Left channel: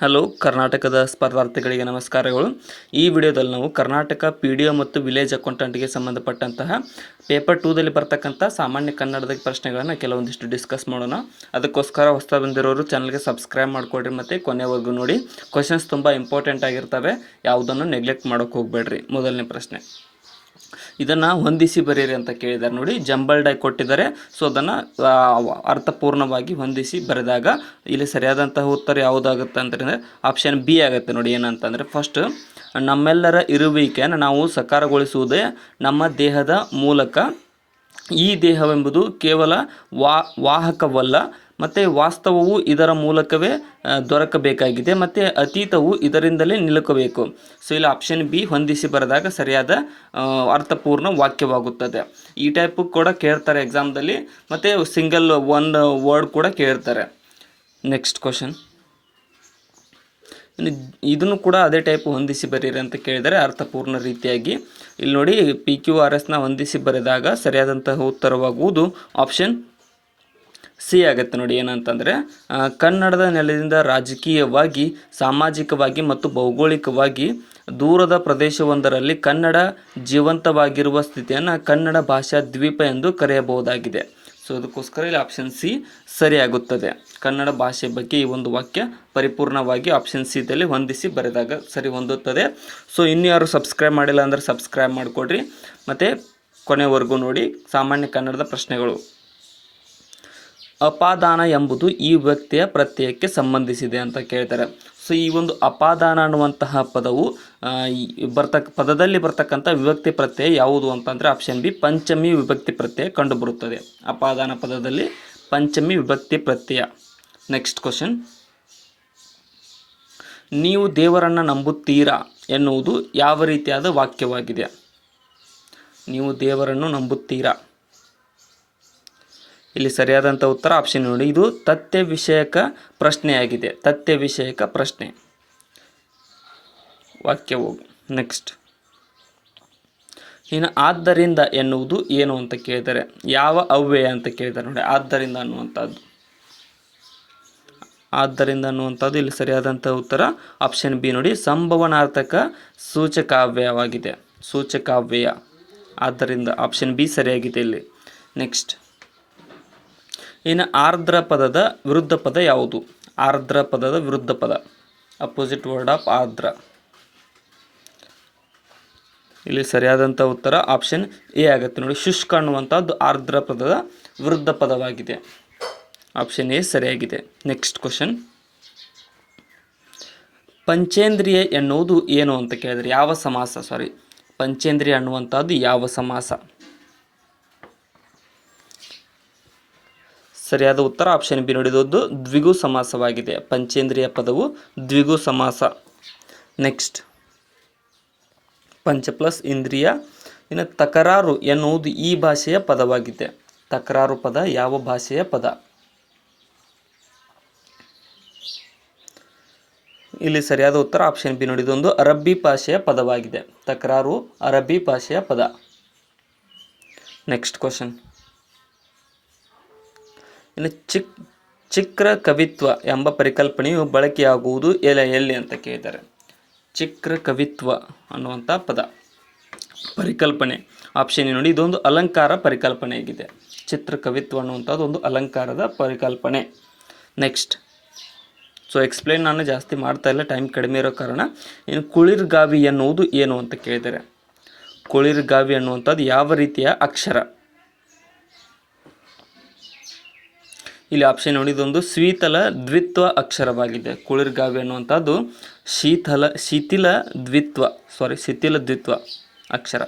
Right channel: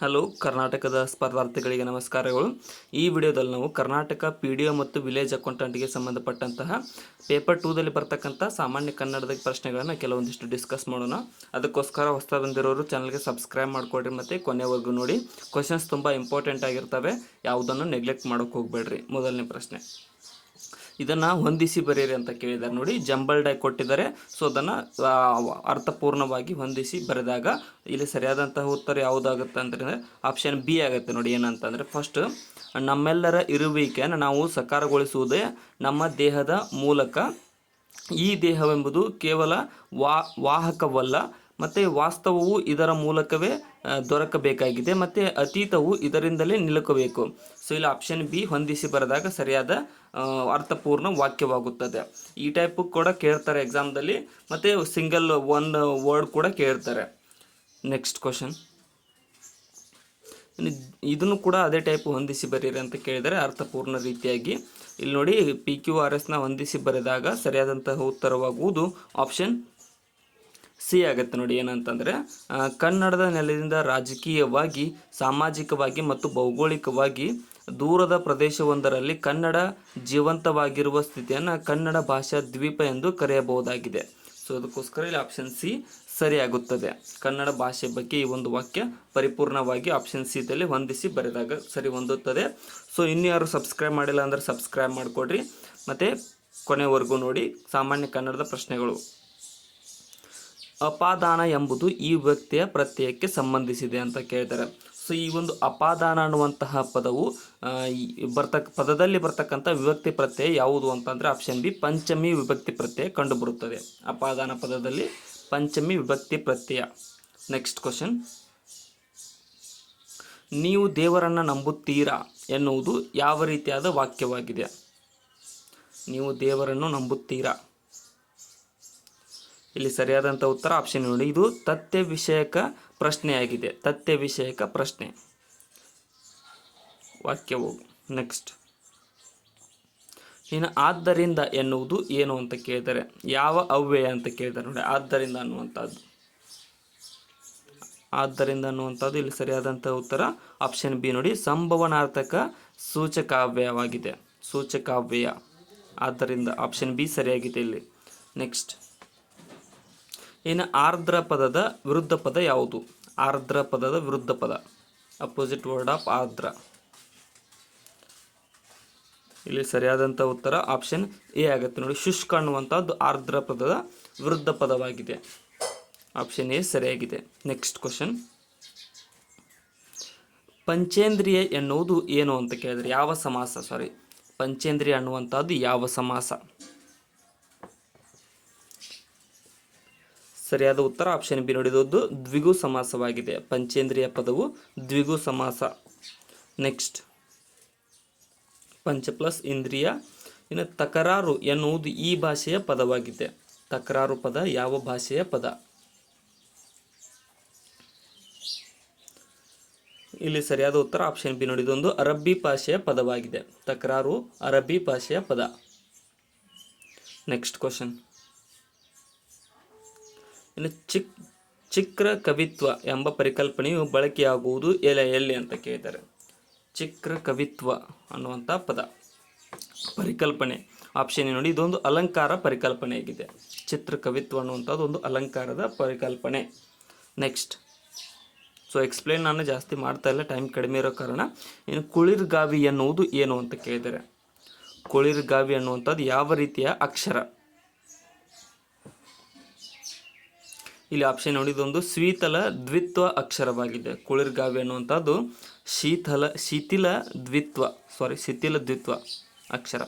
Hello ಕರ್ನಾಟಕದ ಸ್ಪರ್ಧಾರ್ಥಿಗಳಿಗೆ ನಮಸ್ಕಾರಗಳು. ಈ ವಿಡಿಯೋದಲ್ಲಿ ನಾವು ಕರ್ನಾಟಕ PDO ಮತ್ತು ವಿಲೇಜ್ ಅಕೌಂಟೆಂಟ್ಗೆ ಸಂಬಂಧಪಟ್ಟಂತಹ ಪೇಪರ್ 2ದಲ್ಲಿ ಬರ್ತಕ್ಕಂಥ ಸಾಮಾನ್ಯ ಕನ್ನಡದ ಪ್ರಶ್ನೆಗಳನ್ನು ಕೆಲವೊಂದಿಷ್ಟು ಡಿಸ್ಕಸ್ ಮಾಡೋಣ. ಅದಕ್ಕೋಸ್ಕರ ಹೊಸ ಬಂದಿರೋರು ಚಾನಲ್ಗೆ ಸಬ್ಸ್ಕ್ರೈಬ್ ಮಾಡಿಕೊಡ್ರಿ ಮತ್ತು ಕೊನೆವರೆಗೂ ನೋಡಿ. ಕ್ವಶನ್ಸ್ ತುಂಬ ಇಂಪಾರ್ಟೆಂಟ್ ಆಗಿರ್ತವೆ, ಯಾವುದನ್ನು ನೆಗ್ಲೆಕ್ಟ್ ಮಾಡೋಕ್ಕೆ ಹೋಗಬೇಡ್ರಿ. ಮೊದಲನೇ ಪ್ರಶ್ನೆ, ಇದನ್ನು ಹೊಂದಿಸಿ ಬರೀರಿ ಅಂತ ಕೇಳಿದ್ದಾರೆ. ನೋಡಿ, ಜಂಬಲ್ಡ್ ಆಗಿ ಕೊಟ್ಟಿದ್ದಾರೆ. ಸೊ ಅದನ್ನು ಅರ್ಥಪೂರ್ಣವಾಗಿ ಹೊಂದಿಸಿ ಬರೆದಾಗ ಇಲ್ಲಿ ಸರಿಯಾದಂತಹ ಉತ್ತರ ಯಾವುದಾಗುತ್ತೆ ಅಂತಂದರೆ ಆಪ್ಷನ್ ಬಿ ಆಗುತ್ತೆ. ನೋಡಿ, ಏನಂತಂದರೆ ಫಸ್ಟ್, ನಮ್ಮೆಲ್ಲರ ಇರುವಿಕೆಯನ್ನು ನಾವು ಸಕಾರಗೊಳಿಸುವುದೇ ನಮ್ಮ ದೇಹದ ಮೂಲಕ. ಈ ದೇಹವೆಂಬುದು ಕೇವಲ ವಾಹಕವಲ್ಲ, ಮತ್ತು ವಾಸ್ತವವು ಇದರ ಮೂಲಕವೇ ದೊರಕಬೇಕಾಗಿದೆ, ಮತ್ತು ಅತೀತವು ಇದರಿಂದಲೇ ನಿಲುಕಬೇಕು. ಸೊ ಇಲ್ಲಿ ಆಪ್ಷನ್ ಬಿ ಹೊಂದಿಸಿ ಬರೆದಾಗ ಸರಿಯಾದ ಅರ್ಥಪೂರ್ಣ ವಾಕ್ಯವಾಗುತ್ತದೆ. ಈ ಟೈಪು ಕೂಡ ಕೇಳ್ತಾರೆ ಎಕ್ಸಾಮ್ದಲ್ಲಿ, ಮತ್ತು ಸಿಂಗಲ್ ಒನ್ ವರ್ಡ್ ಕೂಡ ಕೇಳ್ತಾರೆ. ನೆಕ್ಸ್ಟ್ ಕ್ವಶನ್, ಇದನ್ನು ಕೂಡ ಅದೇ ಟೈಪ್ ಹೊಂದಿಸಿ ಬರೀರಿ ಅಂತ ಕೇಳಿದರೆ ಅರ್ಥಪೂರ್ಣ ರೀತಿಯಾಗಿ. ಇಲ್ಲಿ ನೋಡಿ, PQRSನ ಹೊಂದಿಸಿ ಬರೆದಾಗ ಸರಿಯಾದಂತಹ ಉತ್ತರವಾಗುವುದು ಆಪ್ಷನ್ ಸಿ ಆಗುತ್ತೆ. ನೋಡಿ, ಏನಂತಂದರೆ ಕನ್ನಡದ ನೆಲದಿಂದ ರಾಜಕೀಯವಾಗಿ, ಸಾಮಾಜಿಕವಾಗಿ ಮತ್ತು ಭೌಗೋಳಿಕವಾಗಿ ದೂರದ ಪ್ರದೇಶವೊಂದರಲ್ಲಿ ಕನ್ನಡ ಜೀವಂತವಾಗಿರುವ ಸ್ಥಿತಿಯನ್ನು ಕನ್ನಡ ಭಾಷಾ ದ್ವೀಪ ಎಂದು ಕರೆಯಬಹುದಾಗಿದೆ. ಸೊ ಅದಕ್ಕೋಸ್ಕರ ಇಲ್ಲಿ ಆಪ್ಷನ್ ಸಿ ಸರಿಯಾಗುತ್ತದೆ. ಕನ್ನಡ ಭಾಷೆ ಬಗ್ಗೆ ಈ ಒಂದು ವಾಕ್ಯ ಪರಿಪೂರ್ಣವಾಗಿ ಆಪ್ಷನ್ ಸಿದಲ್ಲಿ ಹೊಂದಿಸಿ ಬರೆದಾಗ ಸರಿ ಹೊಂದುತ್ತದೆ. ಸೊ ಇನ್ನೂ ಯಾರು ಸಬ್ಸ್ಕ್ರೈಬ್ ಮಾಡಿಲ್ಲ ಅಂದರೆ ಸಬ್ಸ್ಕ್ರೈಬ್ ಮಾಡಿಕೊಡ್ರಿ ಮತ್ತು ಕೊನೆವರೆಗೂ ನೋಡಿ. ಸಾಮಾನ್ಯ ಕನ್ನಡದ ಪ್ರಶ್ನೆಗಳು. ಅಪಾದಾನ ಎಂಬುದು ಈ ವ್ಯಕ್ತಿಯ ಪ್ರತ್ಯಯಕ್ಕೆ ಸಂಬಂಧಿಸಿದೆ ಅಂತ ಕೇಳ್ತಾರೆ. ಸೊ ಈ ಒಂದು ಅಪಾದಾನ ಅನ್ನುವಂತಹ ಪದವು ಪದದಲ್ಲಿ ಬರ್ತಕ್ಕಂಥ ವಿಭಕ್ತಿ ಪ್ರತ್ಯಯ ಯಾವುದು ಅಂತಂದರೆ ಆಪ್ಷನ್ ಬಿ ಪಂಚಮಿ ವಿಭಕ್ತಿ ಪ್ರತ್ಯಯ ಕಂಡುಬರುತ್ತದೆ. ಅಪಾದಾನ ಪದದಲ್ಲಿ ಪಂಚಮಿ ವಿಭಕ್ತಿ ಪ್ರತ್ಯಯ. ನೆಕ್ಸ್ಟ್ ಕ್ವಶನ್, ನೀವು ದೇವರನ್ನು ನಂಬುತ್ತೀರಾ ಎನ್ನುವುದು ಯಾವ ರೀತಿಯಾದ ವಾಕ್ಯವಾಗಿದೆ? ನೀವು ದೇವರನ್ನು ನಂಬುತ್ತೀರಾ, ಇಲ್ಲಿ ಸರಿಯಾದಂಥ ಉತ್ತರ ಆಪ್ಷನ್ ನೋಡಿ, ಇದು ತಥ್ಯ ವಿಷಯಕ ಪ್ರಶ್ನೆಯಾಗಿದೆ. ತಥ್ಯ ವಿಷಯಕ ಪ್ರಶ್ನೆ ವಾಕ್ಯವು. ನೆಕ್ಸ್ಟ್, ಇನ್ನು ಆದ್ದರಿಂದ ಎನ್ನುವುದು ಏನು ಅಂತ ಕೇಳಿದರೆ ಯಾವ ಅವ್ಯಯ ಅಂತ ಕೇಳಿದ್ದಾರೆ. ನೋಡಿ, ಆದ್ದರಿಂದ ಅನ್ನುವಂಥದ್ದು. ಆದ್ದರಿಂದ ಅನ್ನುವಂಥದ್ದು ಇಲ್ಲಿ ಸರಿಯಾದಂಥ ಉತ್ತರ ಆಪ್ಷನ್ ಬಿ ನೋಡಿ, ಸಂಭವನಾರ್ಥಕ ಸೂಚಕಾವ್ಯಯವಾಗಿದೆ. ಸೂಚಕಾವ್ಯಯ. ಆದ್ದರಿಂದ ಆಪ್ಷನ್ ಬಿ ಸರಿಯಾಗಿದೆ ಇಲ್ಲಿ. ನೆಕ್ಸ್ಟ್, ಇನ್ನು ಆರ್ದ್ರ ಪದದ ವಿರುದ್ಧ ಪದ ಯಾವುದು? ಆರ್ದ್ರ ಪದದ ವಿರುದ್ಧ ಪದ, ಅಪೋಸಿಟ್ ವರ್ಡ್ ಆಫ್ ಆರ್ದ್ರ. ಇಲ್ಲಿ ಸರಿಯಾದಂಥ ಉತ್ತರ ಆಪ್ಷನ್ ಎ ಆಗುತ್ತೆ. ನೋಡಿ, ಶುಷ್ಕ ಅನ್ನುವಂಥದ್ದು ಆರ್ದ್ರ ಪದದ ವಿರುದ್ಧ ಪದವಾಗಿದೆ. ಆಪ್ಷನ್ ಎ ಸರಿಯಾಗಿದೆ. ನೆಕ್ಸ್ಟ್ ಕ್ವಶನ್, ಪಂಚೇಂದ್ರಿಯ ಎನ್ನುವುದು ಏನು ಅಂತ ಕೇಳಿದರೆ ಯಾವ ಸಮಾಸ? ಪಂಚೇಂದ್ರಿಯ ಅನ್ನುವಂಥದ್ದು ಯಾವ ಸಮಾಸ? ಸರಿಯಾದ ಉತ್ತರ ಆಪ್ಷನ್ ಬಿ ನೋಡಿ, ಇದು ದ್ವಿಗು ಸಮಾಸವಾಗಿದೆ. ಪಂಚೇಂದ್ರಿಯ ಪದವು ದ್ವಿಗು ಸಮಾಸ. ನೆಕ್ಸ್ಟ್, ಪಂಚ ಪ್ಲಸ್ ಇಂದ್ರಿಯ. ಇನ್ನು ತಕರಾರು ಎನ್ನುವುದು ಈ ಭಾಷೆಯ ಪದವಾಗಿದೆ. ತಕರಾರು ಪದ ಯಾವ ಭಾಷೆಯ ಪದ? ಇಲ್ಲಿ ಸರಿಯಾದ ಉತ್ತರ ಆಪ್ಷನ್ ಬಿ ನೋಡಿ, ಇದೊಂದು ಅರಬ್ಬಿ ಭಾಷೆಯ ಪದವಾಗಿದೆ. ತಕರಾರು ಅರಬ್ಬಿ ಭಾಷೆಯ ಪದ. ನೆಕ್ಸ್ಟ್ ಕ್ವಶನ್, ಇನ್ನು ಚಿಕ್ರ ಕವಿತ್ವ ಎಂಬ ಪರಿಕಲ್ಪನೆಯು ಬಳಕೆಯಾಗುವುದು ಎಲ್ಲಿ ಅಂತ ಕೇಳಿದ್ದಾರೆ. ಚಿಕ್ರ ಕವಿತ್ವ ಅನ್ನುವಂಥ ಪದ ಪರಿಕಲ್ಪನೆ ಆಪ್ಷನ್ ನೋಡಿ, ಇದೊಂದು ಅಲಂಕಾರ ಪರಿಕಲ್ಪನೆಯಾಗಿದೆ. ಚಿತ್ರ ಕವಿತ್ವ ಅನ್ನುವಂಥದ್ದು ಒಂದು ಅಲಂಕಾರದ ಪರಿಕಲ್ಪನೆ. ನೆಕ್ಸ್ಟ್, ಸೊ ಎಕ್ಸ್ಪ್ಲೇನ್ ನಾನು ಜಾಸ್ತಿ ಮಾಡ್ತಾ ಇಲ್ಲ, ಟೈಮ್ ಕಡಿಮೆ ಇರೋ ಕಾರಣ. ಇನ್ನು ಕುಳಿರ್ಗಾವಿ ಎನ್ನುವುದು ಏನು ಅಂತ ಕೇಳಿದ್ದಾರೆ. ಕುಳಿರ್ಗಾವಿ ಅನ್ನುವಂಥದ್ದು ಯಾವ ರೀತಿಯ ಅಕ್ಷರ? ಇಲ್ಲಿ ಆಪ್ಷನ್ ನೋಡಿ, ಇದೊಂದು ಶೀತಲ ದ್ವಿತ್ವ ಅಕ್ಷರವಾಗಿದೆ. ಕುಳಿರ್ಗಾವಿ ಅನ್ನುವಂಥದ್ದು ಶಿಥಿಲ ದ್ವಿತ್ವ ಅಕ್ಷರ.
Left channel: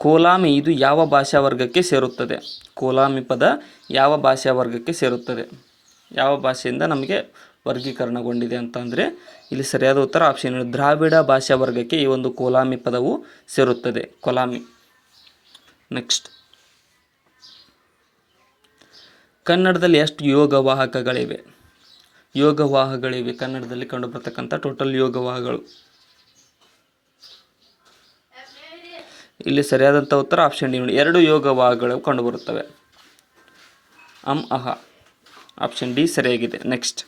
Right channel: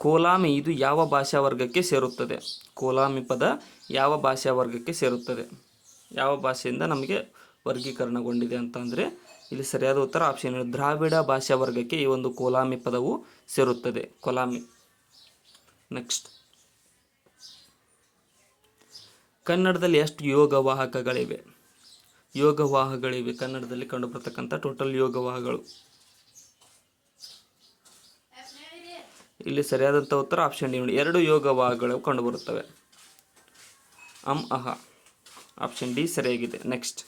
ಕೋಲಾಮಿ ಇದು ಯಾವ ಭಾಷಾ ವರ್ಗಕ್ಕೆ ಸೇರುತ್ತದೆ? ಕೋಲಾಮಿ ಪದ ಯಾವ ಭಾಷಾ ವರ್ಗಕ್ಕೆ ಸೇರುತ್ತದೆ? ಯಾವ ಭಾಷೆಯಿಂದ ನಮಗೆ ವರ್ಗೀಕರಣಗೊಂಡಿದೆ ಅಂತಂದರೆ ಇಲ್ಲಿ ಸರಿಯಾದ ಉತ್ತರ ಆಪ್ಷನ್ ದ್ರಾವಿಡ ಭಾಷಾ ವರ್ಗಕ್ಕೆ ಈ ಒಂದು ಕೋಲಾಮಿ ಪದವು ಸೇರುತ್ತದೆ. ಕೋಲಾಮಿ. ನೆಕ್ಸ್ಟ್, ಕನ್ನಡದಲ್ಲಿ ಎಷ್ಟು ಯೋಗವಾಹಕಗಳಿವೆ? ಯೋಗವಾಹಗಳಿವೆ ಕನ್ನಡದಲ್ಲಿ ಕಂಡುಬರ್ತಕ್ಕಂಥ ಟೋಟಲ್ ಯೋಗವಾಹಗಳು. ಇಲ್ಲಿ ಸರಿಯಾದಂಥ ಉತ್ತರ ಆಪ್ಷನ್ ಡಿ ನೋಡಿ, 2 ಯೋಗವಾಹಗಳು ಕಂಡುಬರುತ್ತವೆ. ಅಂ ಅಹ. ಆಪ್ಷನ್ ಡಿ ಸರಿಯಾಗಿದೆ. ನೆಕ್ಸ್ಟ್,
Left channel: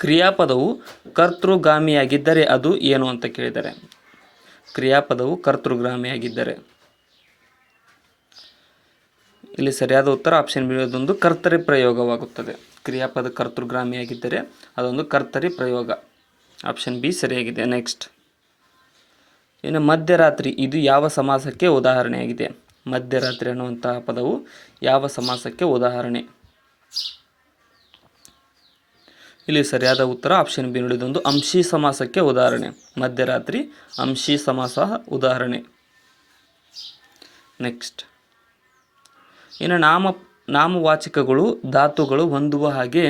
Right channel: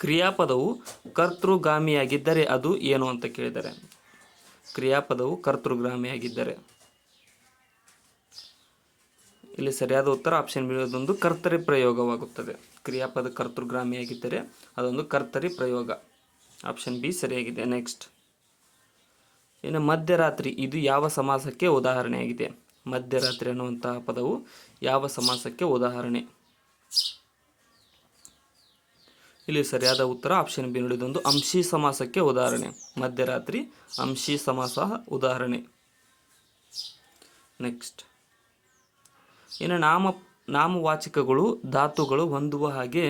ಕ್ರಿಯಾಪದವು ಕರ್ತೃಗಾಮಿಯಾಗಿದ್ದರೆ ಅದು ಏನು ಅಂತ ಕೇಳಿದ್ದಾರೆ. ಕ್ರಿಯಾಪದವು ಕರ್ತೃಗಾಮಿಯಾಗಿದ್ದರೆ ಇಲ್ಲಿ ಸರಿಯಾದ ಉತ್ತರ ಆಪ್ಷನ್ ಬಿ, ಅದೊಂದು ಕರ್ತರಿ ಪ್ರಯೋಗವಾಗುತ್ತದೆ. ಕ್ರಿಯಾಪದ ಕರ್ತೃಗಾಮಿಯಾಗಿದ್ದರೆ ಅದೊಂದು ಕರ್ತರಿ ಪ್ರಯೋಗ. ಆಪ್ಷನ್ ಬಿ ಸರಿಯಾಗಿದೆ. ನೆಕ್ಸ್ಟ್, ಇನ್ನು ಮಧ್ಯರಾತ್ರಿ ಇದು ಯಾವ ಸಮಾಸಕ್ಕೆ ಉದಾಹರಣೆಯಾಗಿದೆ? ಮಧ್ಯರಾತ್ರಿ ಅನ್ನುವಂತಹ ಪದವು ಯಾವ ಸಮಾಸಕ್ಕೆ ಉದಾಹರಣೆ? ಇಲ್ಲಿ ಸರಿಯಾದ ಉತ್ತರ ಆಪ್ಷನ್ ಬಿ ನೋಡಿ, ಇದೊಂದು ಅಂಶಿ ಸಮಾಸಕ್ಕೆ ಉದಾಹರಣೆ. ಮಧ್ಯರಾತ್ರಿ ಅಂಶಿ ಸಮಾಸ ಉದಾಹರಣೆ. ನೆಕ್ಸ್ಟ್, ಇನ್ನು ನಾಮವಾಚಕಗಳು ಧಾತುಗಳು ಹೊಂದುವ ಹಾಗೆ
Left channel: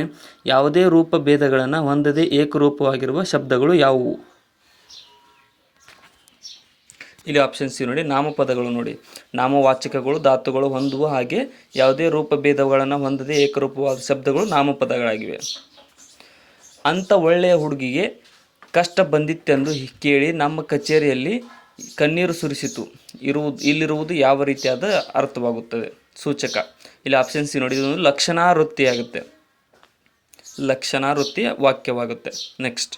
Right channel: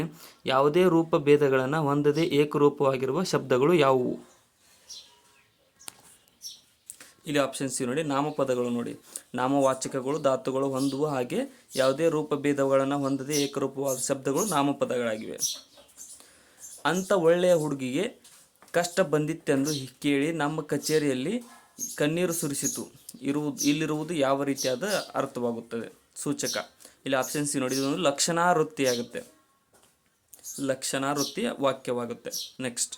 ಯಾವುದೇ ರೂಪ ಭೇದಗಳನ್ನು ಹೊಂದದೆ ಏಕರೂಪವಾಗಿರುವ ಶಬ್ದಗಳು ಯಾವುವು? ಇಲ್ಲಿ ಆಪ್ಷನ್ ಸಿ ನೋಡಿ, ನಾಮಪದಗಳು ನೋಡಿ, ನಾಮವಾಚಕಗಳು ಧಾತುಗಳು ಹೊಂದುವ ಹಾಗೆ ಯಾವುದೇ ರೂಪ ಭೇದಗಳನ್ನು ಹೊಂದದೆ ಏಕರೂಪವಾದ ಶಬ್ದಗಳು ನಾಮಪದಗಳಾಗಿವೆ. ಅಂಥ ಒಳ್ಳೆಯ ಹುಡುಗಿಗೆ ಕಷ್ಟ ಬಂದಿತ್ತೆಂದು ಕೇಳಿ ನಮ್ಮ ಕಚೇರಿಯಲ್ಲಿ ಕಣ್ಣೀರು ಸುರಿಸಿತು ಇಲ್ಲಿರುವುದು ಯಾವ ರೀತಿಯಾದ ಅರ್ಥವಾಗುತ್ತದೆ? ಸೂಚಕ. ಇಲ್ಲಿ ಆಪ್ಷನ್ ಸಿ ನೋಡಿ, ಇದೊಂದು ಲಕ್ಷಣಾವೃತ್ತಿ ಆಗುತ್ತೆ. ಲಕ್ಷಣಾವೃತ್ತಿಯ ವಾಕ್ಯವಾಗುತ್ತೆ. ನೆಕ್ಸ್ಟ್,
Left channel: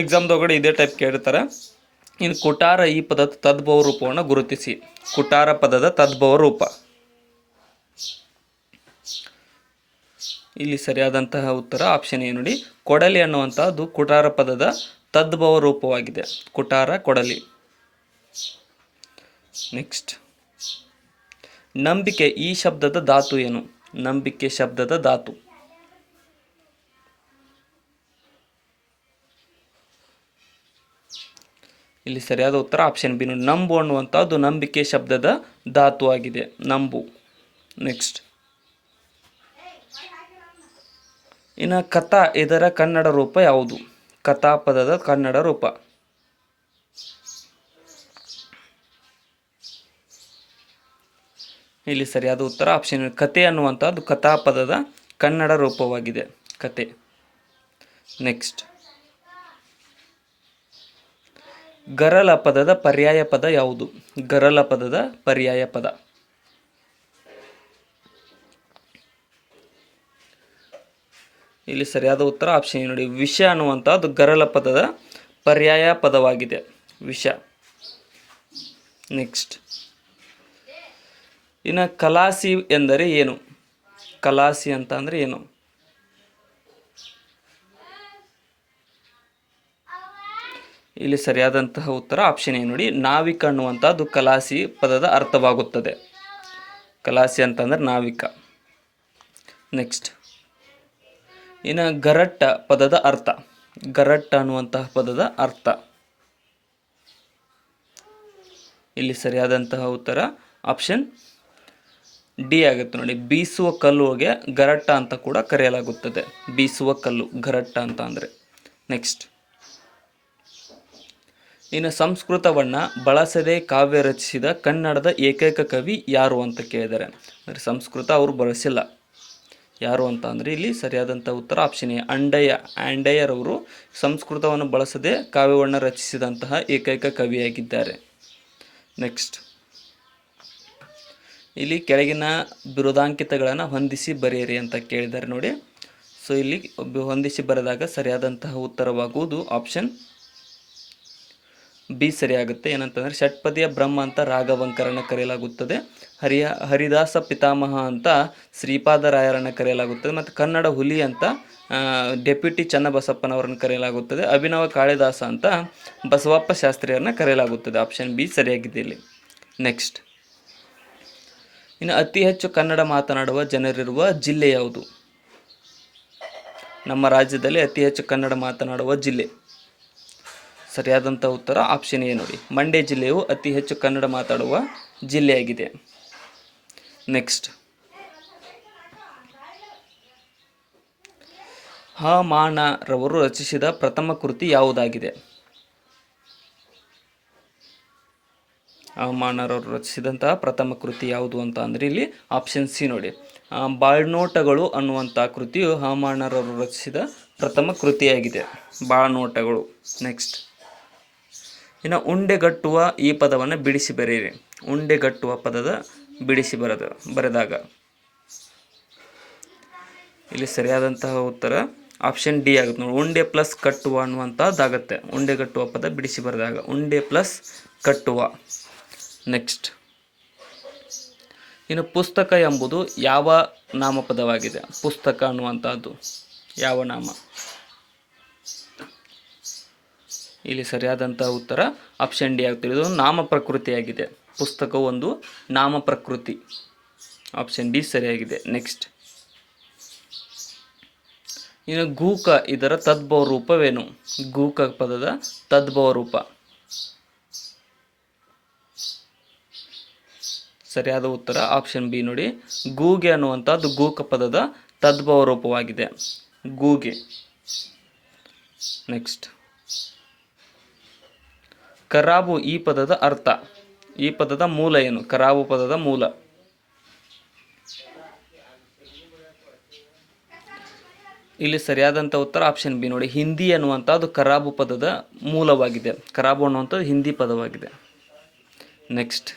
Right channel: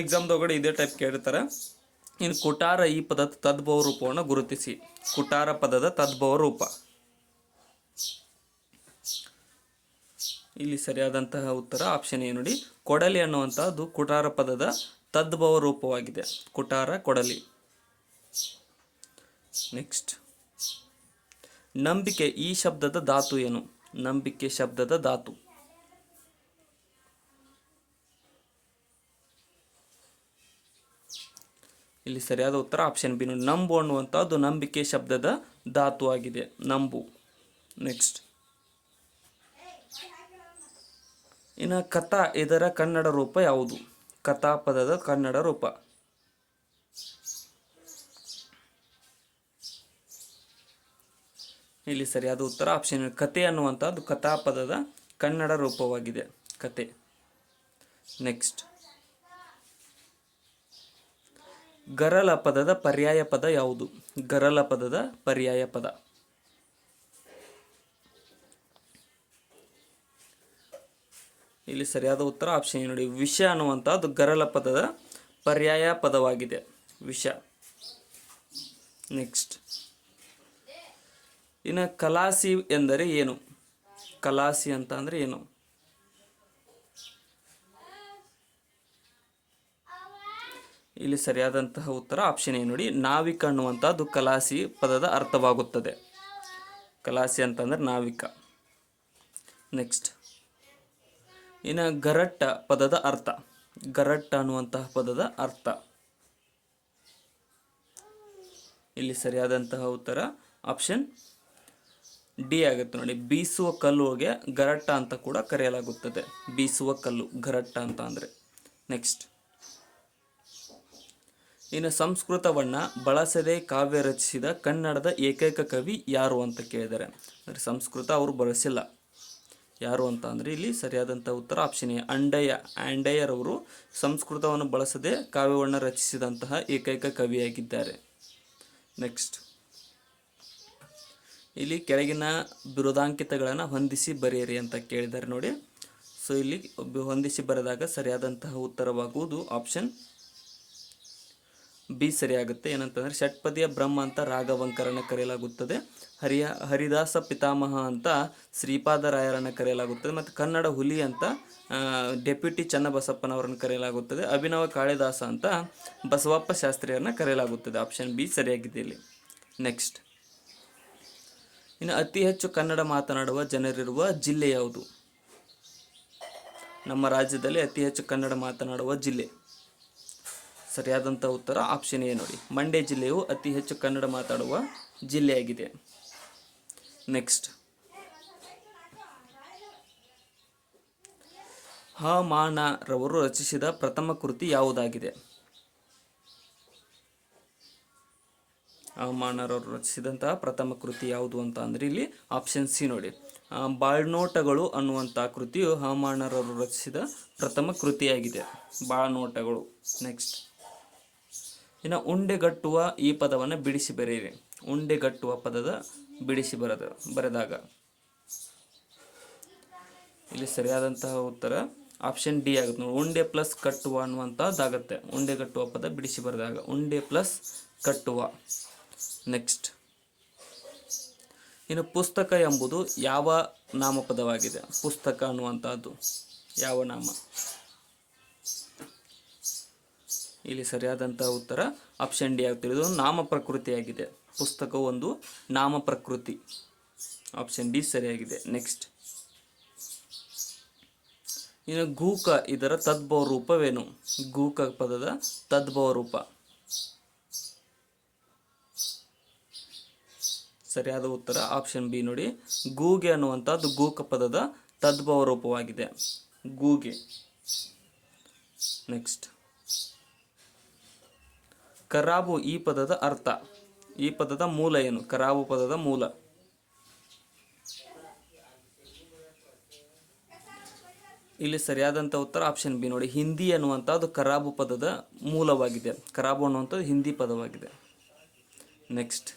ಎಕ್ಸಾಮ್ದೊಳಗಡೆ ಇದೇ ಟೈಪ್ ಕೇಳಿರ್ತಾರೆ. ಇನ್ನು ಕುಟಾರ ಈ ಪದದ ತದ್ಭವ ರೂಪವನ್ನು ಗುರುತಿಸಿ. ಕುಟಾರ ಪದದ ತದ್ಭವ ರೂಪ. ಇಲ್ಲಿ ಸರಿಯಾದಂತಹ ಉತ್ತರ ಆಪ್ಷನ್ ಎ ನೋಡಿ, ಕೊಡಲಿ ಅನ್ನುವಂಥದ್ದು ಕುಟಾರ ಪದದ ತದ್ಭವ ರೂಪವಾಗಿದೆ. ಕುಟಾರ, ಕೊಡಲಿ. ನೆಕ್ಸ್ಟ್, ನಂಬಿಕೆ ಈ ಶಬ್ದದ ಧಾತು ಏನು? ನಂಬಿಕೆ ಶಬ್ದದ ಧಾತು. ಇಲ್ಲಿ ಸರಿಯಾದ ಉತ್ತರ ಆಪ್ಷನ್ ಬಿ ನೋಡಿ, ನಂಬು ಅನ್ನುವಂಥದ್ದು ನಂಬಿಕೆ ಶಬ್ದದ ಧಾತು ಆಗಿದೆ. ನಂಬು. ನೆಕ್ಸ್ಟ್, ಇನ್ನು ಕಥಾ ಇದರ ಕನ್ನಡ ರೂಪ ಯಾವುದು? ಕಥಾ ಪದದ ಕನ್ನಡ ರೂಪ. ಇಲ್ಲಿ ಸರಿಯಾದ ಉತ್ತರ ಆಪ್ಷನ್ ಕತೆ ಅನ್ನುವಂಥದ್ದು ಕಥಾ ಪದದ ಕನ್ನಡ ರೂಪವಾಗಿದೆ. ಕತೆ. ನೆಕ್ಸ್ಟ್, ಗರಲ ಪದದ ಪರ್ಯಾಯ ಪದ ಯಾವುದು? ಗರಲ ಪದದ ಪರ್ಯಾಯ ಪದ. ಇಲ್ಲಿ ಸರಿಯಾದ ಉತ್ತರ ಆಪ್ಷನ್ ನೋಡಿ, ವಿಷ ಅನ್ನುವಂಥದ್ದು ಗರಲ ಪದದ ಪರ್ಯಾಯ ಪದವಾಗಿದೆ. ವಿಷ. ನೆಕ್ಸ್ಟ್, ಇನ್ನು ಕಲಾಸಿ ಎಂದರೆ ಏನು? ಕಲಾಸಿ ಅಂತ ಅಂದರೆ ಏನು? ಇಲ್ಲಿ ಸರಿಯಾದಂತಹ ಉತ್ತರ ಆಪ್ಷನ್ ಎ ನೋಡಿ, ನಾವಿಕ ಅನ್ನುವಂಥದ್ದು ಕಲಾಸಿ ಪದದ ಅರ್ಥವಾಗುತ್ತದೆ. ಕಲಾಸಿ ಅಂತಂದರೆ ನಾವಿಕ. ನೆಕ್ಸ್ಟ್, ಇನ್ನು ಗರಟ್ಟ ಪದದ ಅರ್ಥ. ಗರಟ್ಟ ಅನ್ನುವಂತಹ ಪದದ ಅರ್ಥ. ಇಲ್ಲಿ ಸರಿಯಾದಂತಹ ಉತ್ತರ ಆಪ್ಷನ್ ಡಿ ಆಗುತ್ತೆ ನೋಡಿ, ಬೀಸುವ ಕಲ್ಲುಗೆ ಗರಟ್ಟ ಅಂತ ಕೂಡ ಕರೆಯಲಾಗುತ್ತದೆ. ಬೀಸುವ ಕಲ್ಲು ಗರಟ್ಟ ಅಂತ ಅಂದರೆ. ನೆಕ್ಸ್ಟ್, ಇನ್ನು ಸಂಸ್ಕೃತವನ್ನು ಬಳಸದೆ ಕಾವ್ಯ ರಚಿಸಿದ ಕನ್ನಡದ ಏಕೈಕ ಕವಿ ಯಾರು ಅಂತ ಕೇಳಿದ್ದಾರೆ. ಅಂದರೆ ಸಂಸ್ಕೃತ ಅವರು ಬಳಸಿಲ್ಲ. ಯಾರು ಅಂತ ಅಂದರೆ ಇಲ್ಲಿ ಸರಿಯಾದಂಥ ಉತ್ತರ ಆಪ್ಷನ್ ಎ ಆಂಡಯ್ಯರವರು ಸಂಸ್ಕೃತವನ್ನು ಬಳಸದೆ ಕಾವ್ಯವನ್ನು ರಚಿಸಿದಂತಹ ಏಕೈಕ ಕವಿಯಾಗಿದ್ದಾರೆ. ನೆಕ್ಸ್ಟ್, ಇಲ್ಲಿ ಕೆಳಗಿನ ಬಿರುದಾಂಕಿತಗಳನ್ನು ಹೊಂದಿಸಿ ಬರೆಯಿರಿ ಅಂತ ಕೇಳಿದ್ದಾರೆ ನೋಡಿ. ಸೊ ಇಲ್ಲಿ ಹೊಂದಿಸಿ ಬರೆದಾಗ ಸರಿಯಾದಂತಹ ಉತ್ತರವಾಗುವುದು ಆಪ್ಷನ್ ಬಿ ಸರಿಯಾಗುತ್ತೆ. ಏನಂತಂದರೆ ಷಟ್ಪದಿಯ ಬ್ರಹ್ಮ ಅಂತ ರಾಘವಂಕರನ್ನು ಕರೆಯಲಾಗುತ್ತದೆ. ಹರಿದಾಸ ಪಿತಾಮಹ ಅಂತ ಶ್ರೀಪಾದರಾಯರನ್ನು ಕರೆಯಲಾಗುತ್ತದೆ. ಮತ್ತು ಕನ್ನಡ ಹುಲಿ ಅಂತ ಡೆಪ್ಯೂಟಿ ಚನ್ನಬಸಪ್ಪನವರನ್ನು ಕರೆಯಲಾಗುತ್ತದೆ. ಅಭಿನವ ಕಾಳಿದಾಸ ಅಂತ ಬಸವಪ್ಪ ಶಾಸ್ತ್ರಿಯರನ್ನು ಕರೆಯಲಾಗುತ್ತದೆ. ಆಪ್ಷನ್ ಬಿ ಸರಿಯಾಗಿದೆ ಇಲ್ಲಿ. ನೆಕ್ಸ್ಟ್, ಇನ್ನು ಅತಿ ಹೆಚ್ಚು ಕನ್ನಡ ಮಾತನಾಡುವ ಜನರಿರುವ ಜಿಲ್ಲೆ ಯಾವುದು? ನಮ್ಮ ರಾಜ್ಯದಲ್ಲಿ ಅತಿ ಹೆಚ್ಚು ಕನ್ನಡ ಮಾತನಾಡುವ ಜಿಲ್ಲೆ. ಸರಿಯಾದಂಥ ಉತ್ತರ ಆಪ್ಷನ್ ಎ ನೋಡಿ, ಮಂಡ್ಯ ಜಿಲ್ಲೆಯು ಅತಿ ಹೆಚ್ಚು ಕನ್ನಡ ಮಾತಾಡುವ ಜಿಲ್ಲೆಯಾಗಿದೆ. ನೆಕ್ಸ್ಟ್, ಹ.ಮಾನರವರು ರಚಿಸಿದ ಪ್ರಥಮ ಕೃತಿ ಯಾವುದಾಗಿದೆ? ಹ.ಮಾನರವರು ರಚಿಸಿದಂತಹ ಪ್ರಥಮ ಕೃತಿ ಯಾವುದು ಅಂತ ಅಂದರೆ ಇಲ್ಲಿ ಆಪ್ಷನ್ ಸಿ ನೋಡಿ, ಬಾಳ್ನೋಟಗಳು ಅನ್ನುವಂಥ ಕೃತಿಯು ಹ.ಮಾನರವರು ರಚಿಸಿದ ಪ್ರಥಮ ಕೃತಿಯಾಗಿದೆ. ಬಾಳ್ನೋಟಗಳು. ನೆಕ್ಸ್ಟ್, ಇನ್ನು ಉಂಡೆಗಟ್ಟುವ ಈ ಪದವನ್ನು ಬಿಡಿಸಿ ಬರೆಯಿರಿ. ಉಂಡೆಗಟ್ಟುವ ಪದದ ಬಿಡಿಸಿ ಬರೆದಾಗ ಇಲ್ಲಿ ಸರಿಯಾದಂತಹ ಉತ್ತರ ಆಪ್ಷನ್ ಡಿ ಆಗುತ್ತೆ ನೋಡಿ. ಉಂಡೆ ಪ್ಲಸ್ ಕಟ್ಟುವ ಅನ್ನುವಂಥದ್ದಾಗತ್ತೆ. ಉಂಡೆ ಕಟ್ಟುವ ಪದ ಬಿಡಿಸಿ ಬರೆದಾಗ ಉಂಡೆ ಪ್ಲಸ್ ಕಟ್ಟುವ. ನೆಕ್ಸ್ಟ್, ಇನ್ನು ಪುಸ್ತಕ ಎಂಬುದು ಯಾವ ನಾಮಪದವಾಗಿದೆ? ಪುಸ್ತಕ ಅನ್ನುವಂಥದ್ದು ಯಾವ ನಾಮ? ಇಲ್ಲಿ ಸರಿಯಾದಂಥ ಉತ್ತರ ಆಪ್ಷನ್ ಡಿ ಆಗ್ತದೆ. ಇದು ನಾಮ ಪ್ರಕೃತಿಯಾಗಿದೆ. ಪುಸ್ತಕವು ಒಂದು ನಾಮ ಪ್ರಕೃತಿ. ಆಪ್ಷನ್ ಡಿ ಸರಿಯಾಗಿದೆ. ನೆಕ್ಸ್ಟ್, ಇನ್ನು ಗೂಕ ಇದರ ತದ್ಭವ ರೂಪವೇನು? ಗೂಕ ಪದದ ತದ್ಭವ ರೂಪ. ಸರಿಯಾದ ಉತ್ತರ ಆಪ್ಷನ್ ಬಿ ನೋಡಿ. ಗೂಗೆ ಅನ್ನುವಂಥದ್ದು ಗೂಕ ಪದದ ತದ್ಭವ ರೂಪವಾಗಿದೆ. ಗೂಗೆ. ನೆಕ್ಸ್ಟ್, ಕರಾಬು ಈ ಪದದ ಅರ್ಥ. ಈ ಪದದ ಮೂಲ ಏನು? ಕರಾಬು ಪದದ ಮೂಲ. ಇಲ್ಲಿ ಸರಿಯಾದಂಥ ಉತ್ತರ ಆಪ್ಷನ್ ಬಿ ನೋಡಿ. ಹಿಂದಿ ಅನ್ನುವಂಥದ್ದು ಕರಾಬು ಪದದ ಮೂಲವಾಗಿದೆ. ಕರಾಬು ಅನ್ನುವಂಥದ್ದು ಹಿಂದಿ ಪದವಾಗಿದೆ. ನೆಕ್ಸ್ಟ್,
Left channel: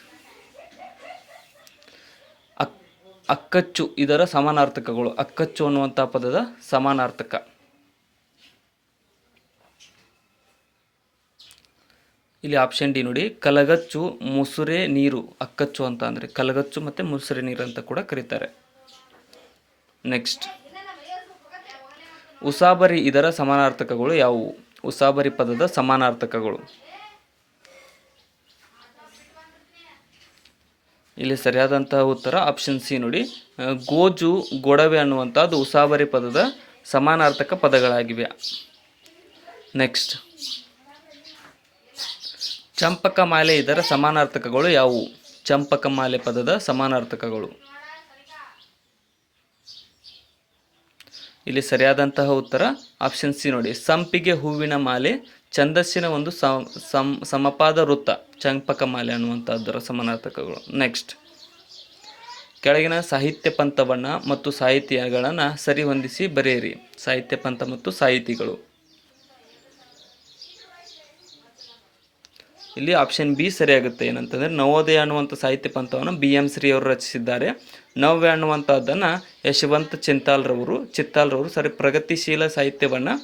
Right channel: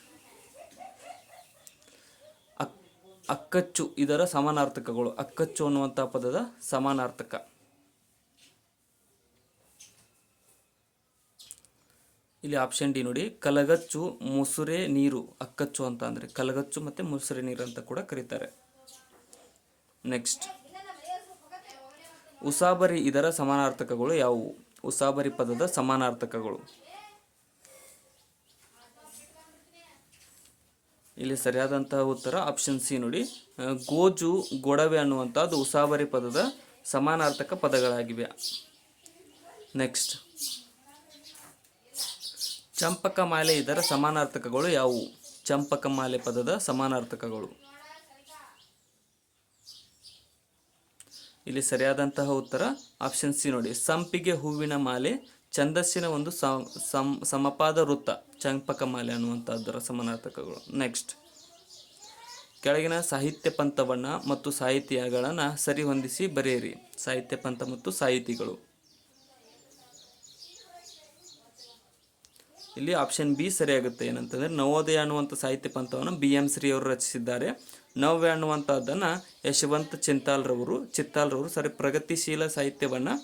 ಅಕ್ಕಚ್ಚು ಇದರ ಸಮಾನಾರ್ಥಕಗಳು. ಅಕ್ಕಚ್ಚು ಅನ್ನುವಂಥ ಪದದ ಸಮಾನಾರ್ಥಕ. ಇಲ್ಲಿ ಆಪ್ಷನ್ ಡಿ ನೋಡಿ. ಕಲಗಚ್ಚು, ಮುಸುರೆ ನೀರು. ಅಕ್ಕಚ್ಚು ಅಂತ ಅಂದರೆ ಕಲಗಚ್ಚು ಮತ್ತು ಮುಸುರೆ ನೀರು ಅಂತ ಕೂಡ ಕರೀತಾರೆ. ನೆಕ್ಸ್ಟ್, ಉಸಾಬರಿ ಇದರ ಸಮಾನಾರ್ಥಕಗಳು ಯಾವುವು? ಉಸಾಬರಿ ಪದದ ಸಮಾನಾರ್ಥಕಗಳು. ಇಲ್ಲಿ ಸರಿಯಾದಂತಹ ಉತ್ತರ ಆಪ್ಷನ್ ಸಿ ನೋಡಿ. ಗೋಜು, ಗೊಡವೆ ಅನ್ನುವಂಥದ್ದು ಉಸಾಬರಿ ಪದದ ಸಮಾನಾರ್ಥಕ ಪದಗಳಾಗಿವೆ. ನೆಕ್ಸ್ಟ್, ಚಂಪಕಮಾಲೆ ಇದರ ಸಮಾನಾರ್ಥಕಗಳು ಯಾವುವು? ಚಂಪಕಮಾಲೆ ಪದದ ಸಮಾನಾರ್ಥಕಗಳು. ಇಲ್ಲಿ ಸರಿಯಾದಂತಹ ಉತ್ತರ ಆಪ್ಷನ್ ಸಿ ನೋಡಿ. ಸಂಪಿಗೆ ಹೂವಿನ ಮಾಲೆ, ಛಂದಸ್ಸಿನ ಒಂದು ಸಮಪಾದ ವೃತ್ತ. ಚಂಪಕಮಾಲೆ ಅನ್ನುವಂಥದ್ದರ ಸಮಾನಾರ್ಥಕಗಳು. ನೆಕ್ಸ್ಟ್, ಕೆಳಗಿನ ಸಾಹಿತ್ಯ ಪಂಥವನ್ನು ಮತ್ತು ಸಾಹಿತಿಗಳನ್ನು ಸರಿಹೊಂದಿಸಿ ಬರೆಯಿರಿ. ಸಾಹಿತ್ಯ ಪಂಥ ಮತ್ತು ಸಾಹಿತಿಗಳು. ಇಲ್ಲಿ ಆಪ್ಷನ್ ಬಿ ಸರಿಯಾಗುತ್ತೆ. ಏನಂತಂದರೆ ನವೋದಯ ಅನ್ನುವಂಥ ಸಾಹಿತ್ಯ ಪಂಥವನ್ನು BM ಶ್ರೀ ಅವರು ರಚಿಸಿದ್ದಾರೆ. ನವ್ಯ ಅನ್ನುವಂಥದ್ದನ್ನು ಯಶವಂತ ಚಿತ್ತಾಲ್ರವರು ಪ್ರಗತಿಶೀಲ ಸಾಹಿತ್ಯವನ್ನು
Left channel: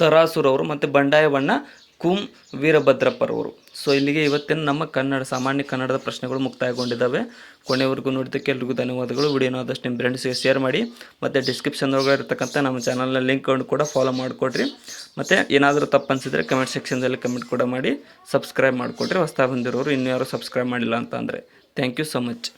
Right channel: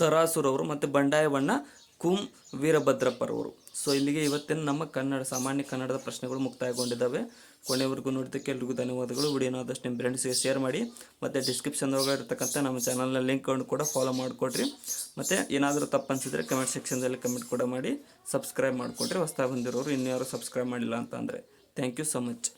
ತರಾಸುರವರು ಮತ್ತು ಬಂಡಾಯವನ್ನು ಕುಂ ವೀರಭದ್ರಪ್ಪರವರು. ಸೊ ಇಲ್ಲಿಗೆ ಇವತ್ತಿನ ನಮ್ಮ ಸಾಮಾನ್ಯ ಕನ್ನಡದ ಪ್ರಶ್ನೆಗಳು ಮುಕ್ತಾಯಗೊಂಡಿದ್ದಾವೆ. ಕೊನೆವರೆಗೂ ನೋಡಿದ್ದಕ್ಕೆ ಎಲ್ರಿಗೂ ಧನ್ಯವಾದಗಳು. ವಿಡಿಯೋನ ಆದಷ್ಟು ನಿಮ್ಮ ಫ್ರೆಂಡ್ಸ್ಗೆ ಶೇರ್ ಮಾಡಿ ಮತ್ತು ಡಿಸ್ಕ್ರಿಪ್ಷನ್ದೊಳಗೆ ಇರತಕ್ಕಂಥ ನಮ್ಮ ಚಾನಲ್ನ ಲಿಂಕ್ಗಳನ್ನು ಕೂಡ ಫಾಲೋ ಮಾಡಿಕೊಡ್ರಿ. ಮತ್ತು ಏನಾದರೂ ತಪ್ಪು ಅನಿಸಿದರೆ ಕಮೆಂಟ್ ಸೆಕ್ಷನ್ದಲ್ಲಿ ಕಮೆಂಟ್ ಕೂಡ ಮಾಡಿ ಸಬ್ಸ್ಕ್ರೈಬ್ ಮಾಡಿಕೊಡ್ರಿ. ಹೊಸದಾಗಿ ಬಂದಿರೋರು ಇನ್ನೂ ಯಾರು ಸಬ್ಸ್ಕ್ರೈಬ್ ಮಾಡಿಲ್ಲ ಅಂತ ಅಂದರೆ. Thank you so much.